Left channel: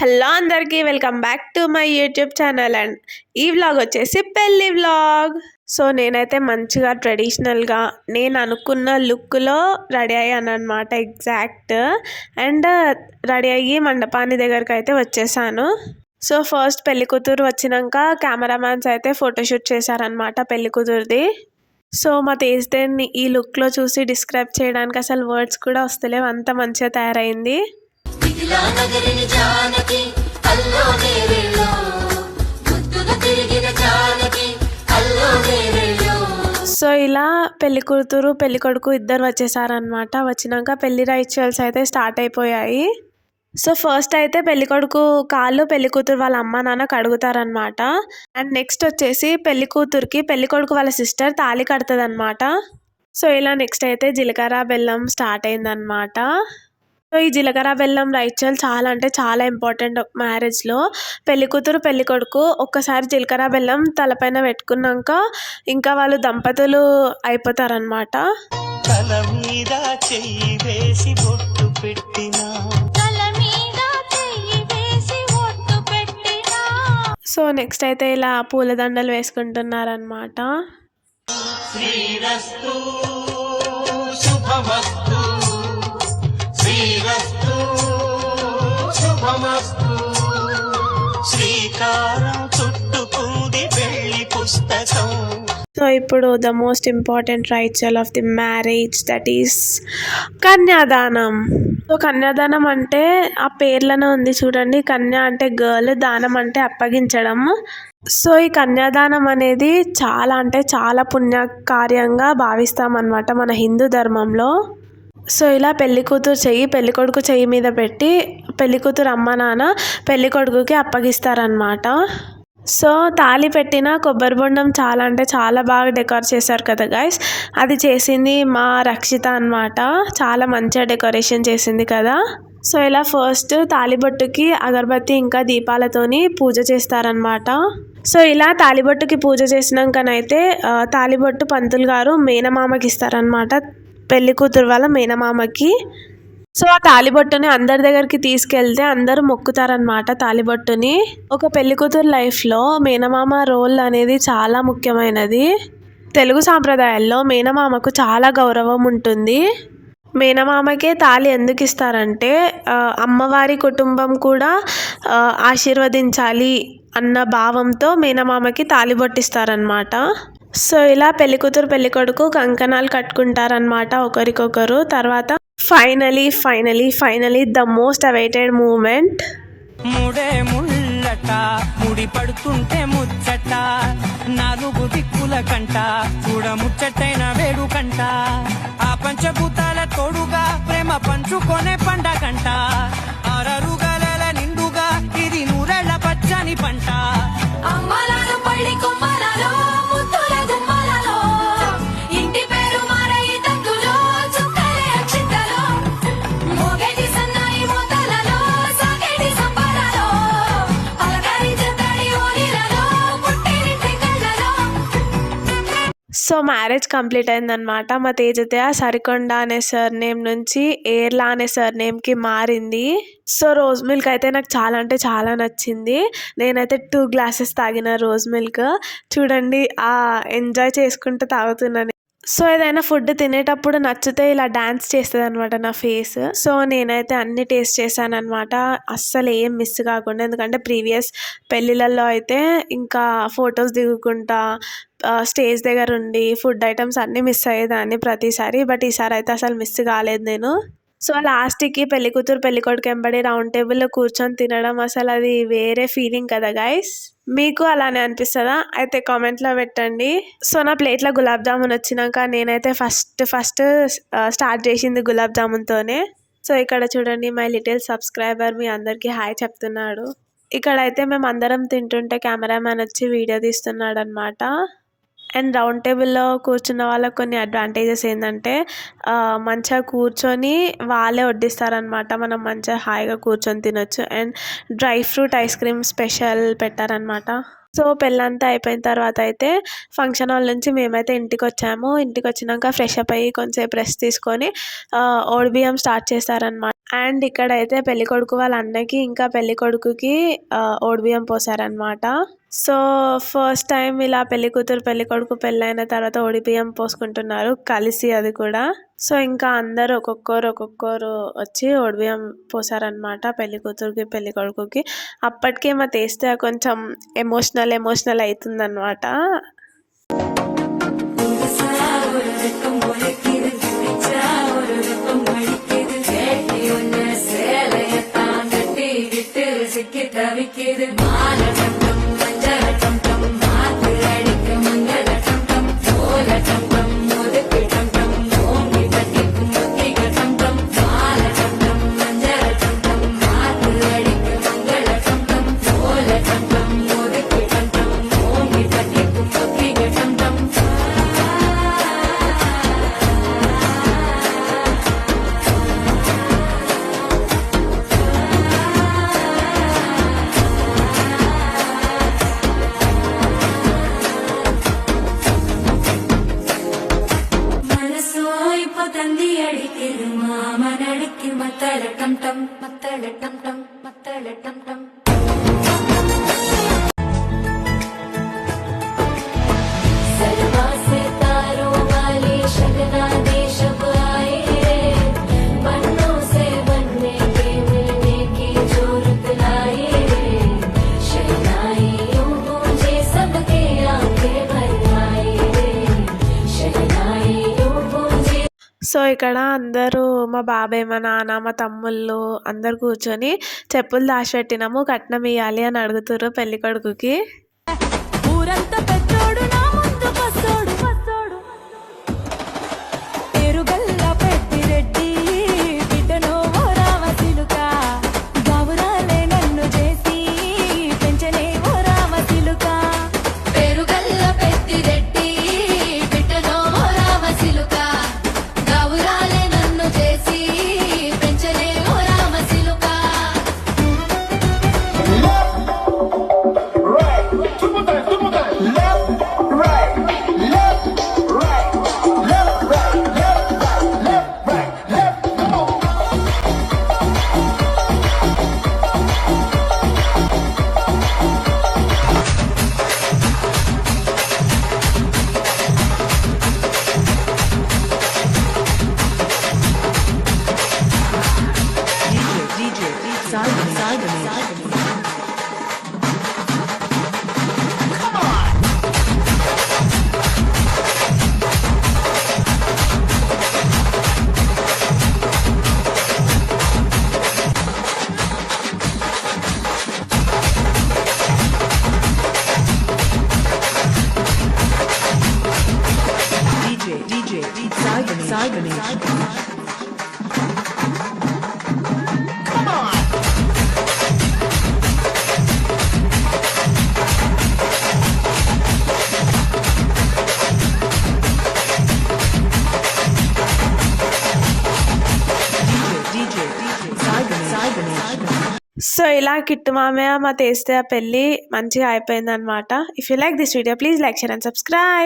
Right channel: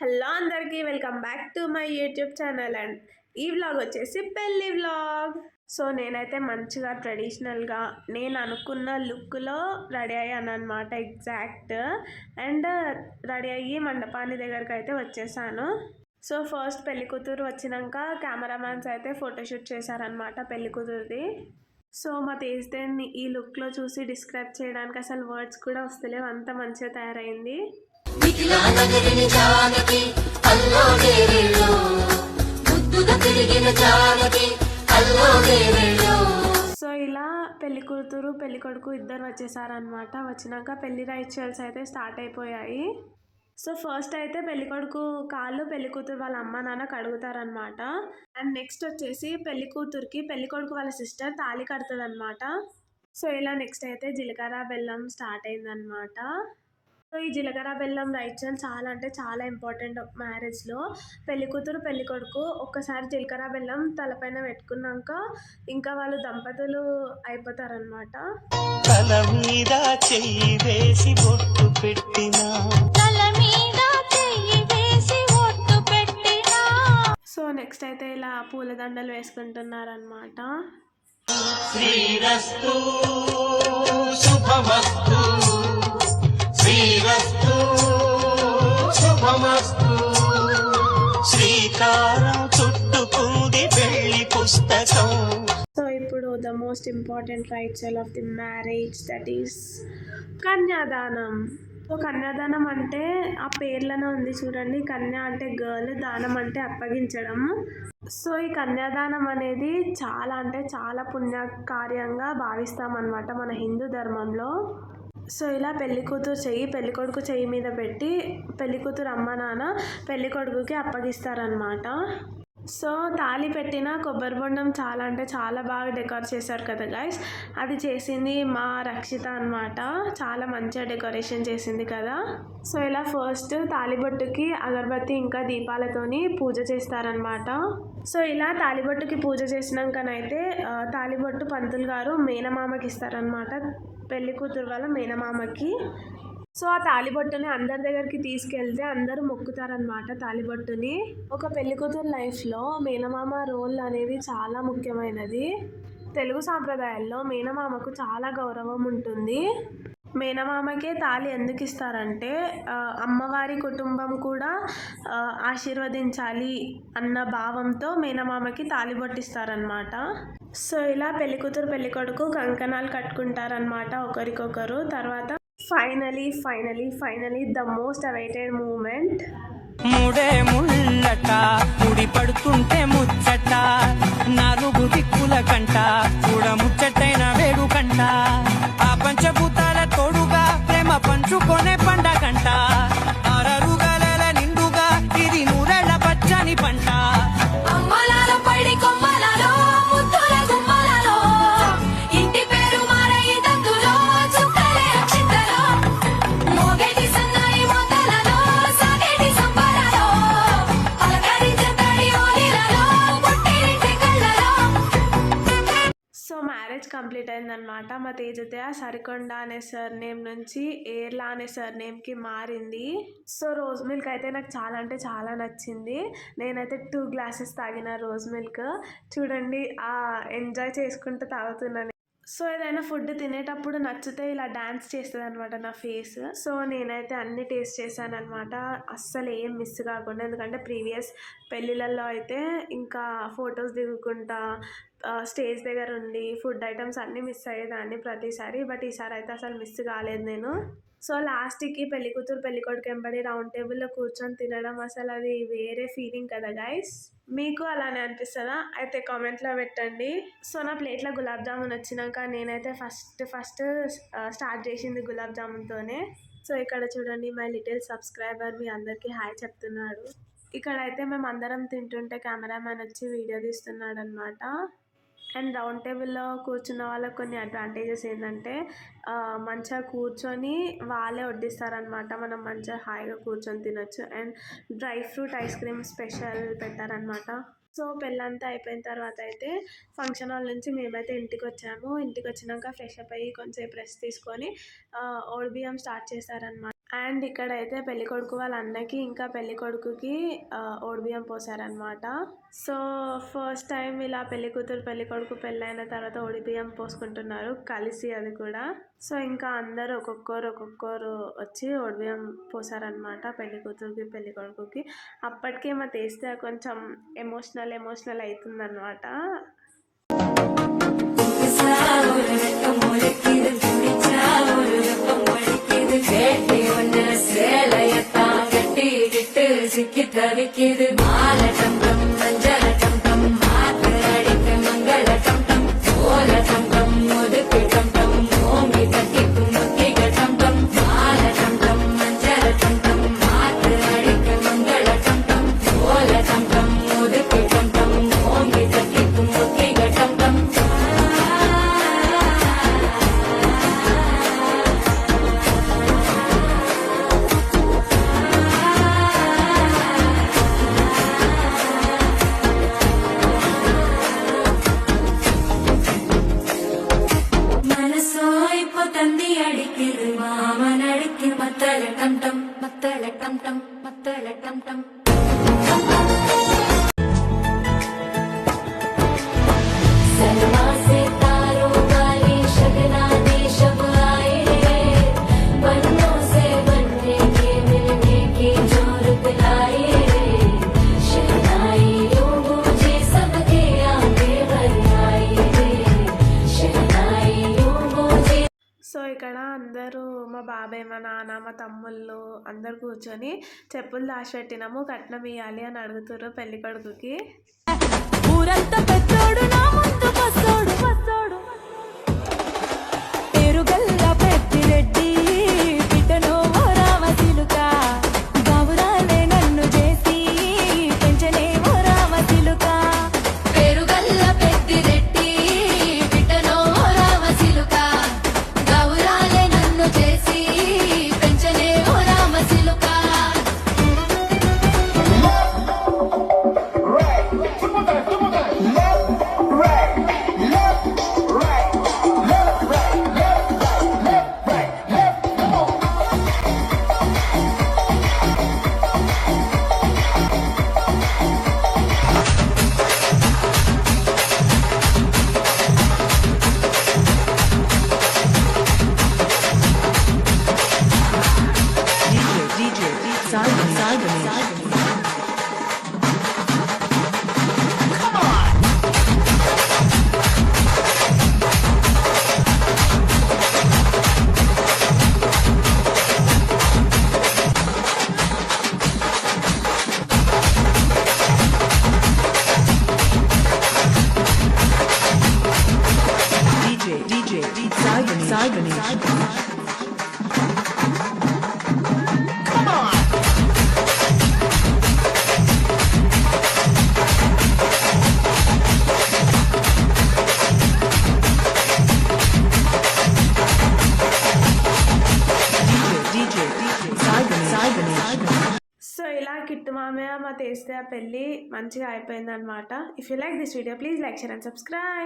Hello అందరికీ welcome back to my YouTube channel. And ఈ vlog వచ్చేసి పెళ్ళి వ్లాగ్. సో నేనైతే మంచిగా ట్రెడిషనల్గా నేను అనుకున్న లుక్లో రెడీ అయ్యాను అనమాట ఎగ్జాక్ట్. అండ్ రెడీ అయ్యి మండపాన్ని దగ్గరికి అయితే వచ్చేసాను. సో ఫస్ట్ పెళ్లి కూతురు వచ్చినాక కెమెరామ్యాన్స్ అయితే ఫోటోషూట్ చేశారనమాట పెళ్లి కూతురుది. సో మా తేజ్దేన్ని ఈ లుక్లో చూసి డిస్క్రైబ్ చేయడానికి అసలు వర్డ్స్ కూడా వస్తలేవు, అంత మంచిగా తయారైంది. సో ఇలా పెళ్లి కూతురు పెళ్లి కొడుకు ఇద్దరు వచ్చేసారనమాట. వచ్చినాక పెళ్లి రిచువల్స్ అయితే స్టార్ట్ అయిపోయాయి. సో ఫస్ట్ అయితే పెళ్లి కొడుకు కాళ్ళు పెళ్లి కూతురు వాళ్ళ అమ్మ నాన్న కడుగుతారనమాట. అండ్ నెక్స్ట్ వచ్చేసి పెళ్లి కూతురుకి పెళ్లి కొడుకు వాళ్ళ సిస్టర్ తాళి కడుతుంది అనమాట. సో ఇలా నెక్స్ట్ అయితే జీలకర్ర బెల్లం స్టార్ట్ అయిందనమాట. సో ఈ జీలకర్ర బెల్లం రిచువల్ చాలా అంటే చాలా ఇంపార్టెంట్ మ్యారేజ్లో. పెళ్లి కూతురు పెళ్లి కొడుకు ఒక్కసారి జీలకర్ర బెల్లం తలపైన పెట్టుకున్నాక ఇంకా వాళ్ళు దంపతులు అయిపోతారనమాట. సో నెక్స్ట్ అయితే ఇలా పూలదండలు వేసుకుంటున్నారనమాట. సో ఇప్పుడు the most important ritual of the marriage, that is కన్యాదానం. సో కన్యాదానం అంటే ఆ పేర్లోనే ఉంది చూడండి, కన్య అంటే గర్ల్, దానం అంటే అప్పగించడం. సో ఈ కన్యాదానం అనేది చాలా అంటే చాలా పుణ్యకార్యంగా భావిస్తామన్నమాట మన హిందూ ధర్మంలో. సో ఇలా పెళ్లి కూతురు చెయ్యి పెళ్లి కొడుకు చెయ్యి మీద పెట్టి పెళ్లి కూతురు అమ్మ నాన్న పెళ్లి కొడుకుకి అప్పగిస్తారనమాట. సో తాళి పెట్టిన కొబ్బరి బొండం చాలా అంటే చాలా బాగా డెకరేట్ చేశారు కదా గైస్. అది చేసింది మా రక్షిత అనమాట. చాలా మంచిగా డెకరేషన్ చేసింది కదా. సో ఇలా ఫస్ట్ తాళిబొట్టుకి అగరబత్తి ఇంకా దీపాలతోని పూజ చేస్తారనమాట. సో ఇలా తాళిబొట్టుకి పూజ చేసినాకనైతే తాళిబొట్టు పంతులు గారు మేనమామకి ఇస్తారనమాట, పెళ్లి కూతురు వాళ్ళ మేనమామకి. సో ఆ తాళిబొట్టుని అందరి దగ్గరికి తీసుకెళ్తే అందరూ మొక్కుతారనమాట తాళిబొట్టుని. ఒక పెళ్లి కూతురు లైఫ్లో మేనమామ రోల్ అనేది చాలా ముఖ్యమైనది. తెలుగు సాంప్రదాయాల్లో మేనమామకు చాలా గౌరవం ఉంటుంది. మేనమామకే తాళి ఎందుకు ఇస్తారంటే అమ్మవారి కుటుంబం కూడా ఆశీర్వదించాలి అన్న భావంతో మేనమామకి తాళి బొట్టిస్తారనమాట. సో ఇలా పెళ్లి కూతురు పెళ్లి కొడుకు కంకణాలు కట్టుకుంటారనమాట ఒకరికొకరు. తర్వాత finally the most awaited moment. ముడే ముళ్ళట ముడి పడుతుంటే ముచ్చట, నాలుగు దిక్కుల కంట చూడ ముచ్చటైన వేడు కంట, ఆ పంచభూతాల తోడుగా ప్రేమ పంచుకొనే పండగంట, ఆరరుగల నిండుగా ఇది నూరెళ్ళ పచ్చని పంట. సో మ్యారేజ్ కంప్లీట్ అయిందనమాట. మా తేజతయ్య సరికొండ అనే సర్నేమ్ నుంచి ఏర్లా అనే సర్నేమ్కి మారింది. సో రోజ్ మిల్క్ అయితే నాకు చాలా అంటే చాలా నచ్చింది. నేనైతే 2 గ్లాసెస్ తాగిన రోజ్ మిల్క్. చూడండి ఎంజాయ్ చేసుకుంటూ తాగుతున్నాను. సో ఏదైనా ఫుడ్ తినేటప్పుడు నచ్చితే ఇలా డ్యాన్స్ చేస్తుంది అనమాట నా ఫేస్. సో నేనైతే అన్ని టేస్ట్ చేశాను అనమాట, అస్సలు ఏం మిస్ కాకుండా. ఎందుకంటే ప్రీవియస్ పెళ్ళిళ్ళల్లో అయితే ఇంకా ఫొటోస్ దిగుకుంటా స్టేజ్ దగ్గర ఉండి ఫుడ్ ఐటమ్స్ అన్నీ మిస్ అయ్యేదాన్ని ప్రతిసారి. బట్ ఈసారి అయితే అసలు మిస్ కాలేదు నేను. సో లాస్ట్కి పెళ్లి కూతురు పెళ్లి కొడుకు వెంబడి రౌండ్ టేబుల్లో కూర్చొని తినడం అసలు అది వేరే ఫీలింగ్ కదా గైస్. మీకు అలానే అనిపిస్తుందా? అయితే కామెంట్లో పెట్టండి. సో నా ప్లేట్లో గులాబ్ జామున్ వచ్చినాక నేనైతే ఫస్ట్ స్టార్ట్ చేసింది గులాబ్ జామున్తోనే. సో ఇక్కడ చూడండి మై లిటిల్ సబ్స్క్రైబర్ మీ అందరికీ హాయ్ చెప్తున్నాడు. ఇక్కడైతే మేము అందరం తింటుంటే కెమెరామ్యాన్ వచ్చి వీడియో తీస్తున్నాడు అనమాట. అండ్ రౌండ్ టేబుల్లో కూర్చున్న వాళ్ళకి కొన్ని అడ్వాంటేజెస్ ఏంటంటే మంచిగా కూర్చొని వాళ్ళే వడ్డిస్తారనమాట, మనం మంచిగా హాయిగా కూర్చొని తినొచ్చు. And dry fruit ice cream special పెట్టారనమాట. సో పెళ్ళంతా అయిపోయిన తర్వాత అయితే ఫంక్షన్ హాల్ నుంచి మేమైతే ఇంటికి వచ్చాము. ఇంటికి వచ్చినాక ఫ్రెష్ అప్ అయ్యి కొంచెంసేపు రెస్ట్ తీసుకొని ఓడిబియ్యం స్టార్ట్ చేశారనమాట. అండ్ ఇక్కడైతే పెళ్ళికొడుకు వాళ్ళ అన్నకి ఇంకా పెళ్ళికొడుకుకి ఓడిబియ్యం పోసారనమాట. సో ఫస్ట్ టైం ఇలా పెళ్ళికూతురు పెళ్ళికొడుకు పెళ్ళైన తర్వాత ఓడిబియ్యం పోసుకుంటున్నారు కలిసి, అది కూడా. సో ఇంకా అందరు ఒక్కొక్కరు వచ్చి ఓడిబియ్యం పోసారనమాట పెళ్ళికూతురుకి పెళ్ళికొడుకుకి. అప్పటికే మా తెస్తే కొంచెం ఎమోషనల్ అవుతుందన్నమాట. సో ఇక్కడ అందరూ మా బాబాయ్, మా నాన్న, మా తమ్ముళ్ళు అందరు కూర్చొని చెప్పులు దాచిపెట్టినాము, కట్నం ఇవ్వాలి అని అడుగుతారు పెళ్ళికొడుకుకి. ఊరంతా పెద్దోడు నా ముందు పసోడు పేరుగల్ల పెద్దిరెడ్డి బిడ్డను రామసిలుక గౌరాలే నన్ను చేసి పెంచనే రామసిలుక పేరుగల్ల పెద్దిరెడ్డి బిడ్డను రామసిలుక గౌరాలే నన్ను చేసి పెంచనే రామసిలుక. సో ఇలా కిట్టు మామయ్య మా తెస్తే పెళ్ళి మంచిగా అయిపోయింది అనమాట. If you like this video please like, share and subscribe.